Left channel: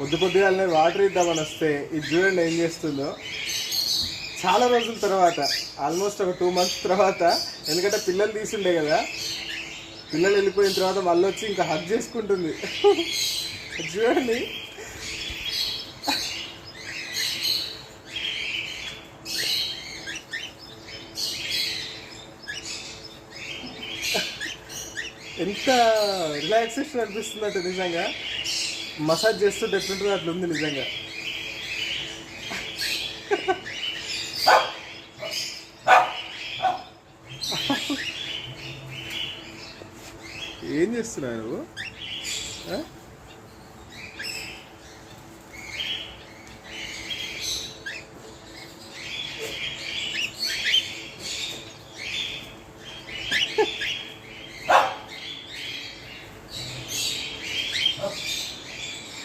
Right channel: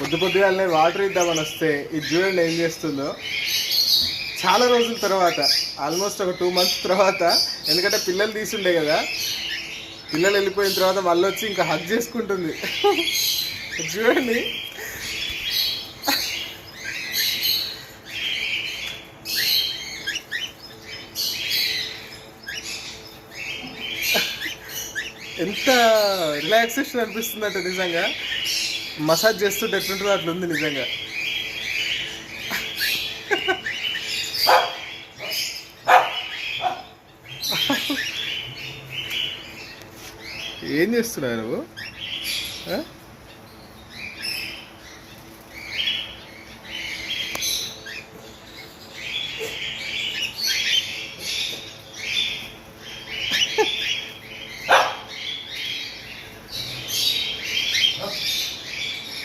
పొద్దుగాలనే water ఇద్దామని వస్తే ఇది చూడండి ఏం చేస్తుందో. చాలా రోజుల తర్వాత, ఆల్మోస్ట్ ఒక 2 months తర్వాత, ఎందుకంటే పిల్లలు తీసుండే కదా, పిల్లలు వెళ్ళిపోయిన తర్వాత మళ్ళీ వచ్చి ఇంకా హగ్ చేసుకుంటుంది. చూడండి ఎంత రిలాక్సేషన్ అనిపిస్తుందంటే నిజంగా మసాజ్ చేస్తుంటే ఎట్లుంటుందో అట్లుంది నిజంగా. ఏం చేస్తున్నావు నువ్వు?